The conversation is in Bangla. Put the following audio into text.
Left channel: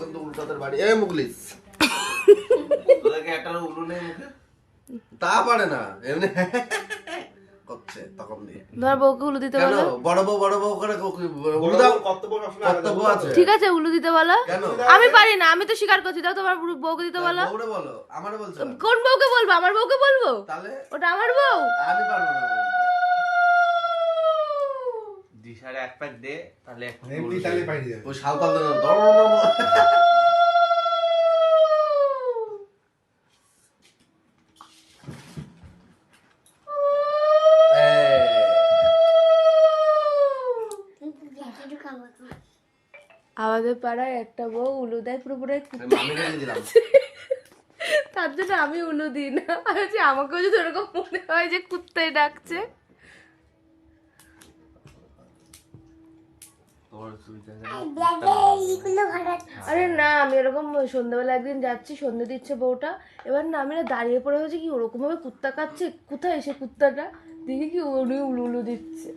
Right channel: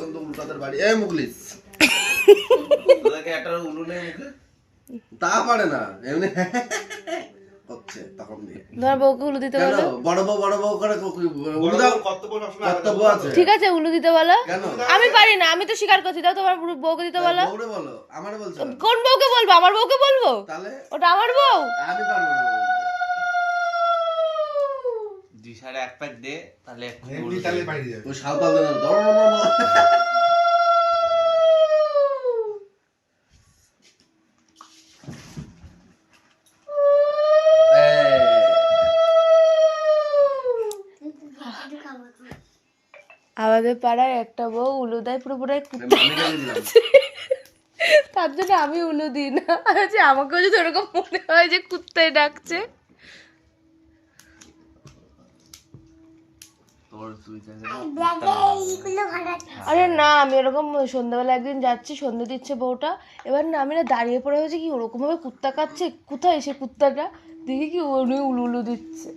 কিন্তু উল্টাদের বাড়ি এই মুখলিস একটা উলু নেই মুখে তা পারে না এমনি করছে তখন দিয়ে তোমার বউকে উলু দিতে বলো। বড় বউ করে কর্তব্য আছে। ঠিক আছে উলু দিতে বলো। কেন আমি পারি না, আমি তো স্বীকার করছি। দাও তোমার বউকে দিতে বলো। বউরে বলো আমারে বলছো কোন বউকে বলবো? আমার বউকে বলবো? তাহলে ওটা আমার বউ। আমি পারবো না দিশারে এক প্যাক দে তাহলে একটু তাহলে পাঠিয়ে দেবে। ওই সাঁওতাল দেন আমাদের পাড়ায় একটা বউ উলু দেয় পুরোপুরাই কুত্তা। তার জন্য আমি উলু দিই না। যে আমাকেও যদি ওরকম মনে হয় যে কুত্তায় ডাকছে। আরে না, আমি ওরকম সন্ধ্যাবেলা একদিন যাচ্ছি, সন্ধ্যে দিচ্ছে বউটা। এবার না আমি না দাঁড়িয়ে পড়ে হয়েছে কি ওরকম ভাবে কুত্তা কাচ্ছে, কোথায় সে কুত্তাটা দেখি কি উনি উলু উলু দিচ্ছে।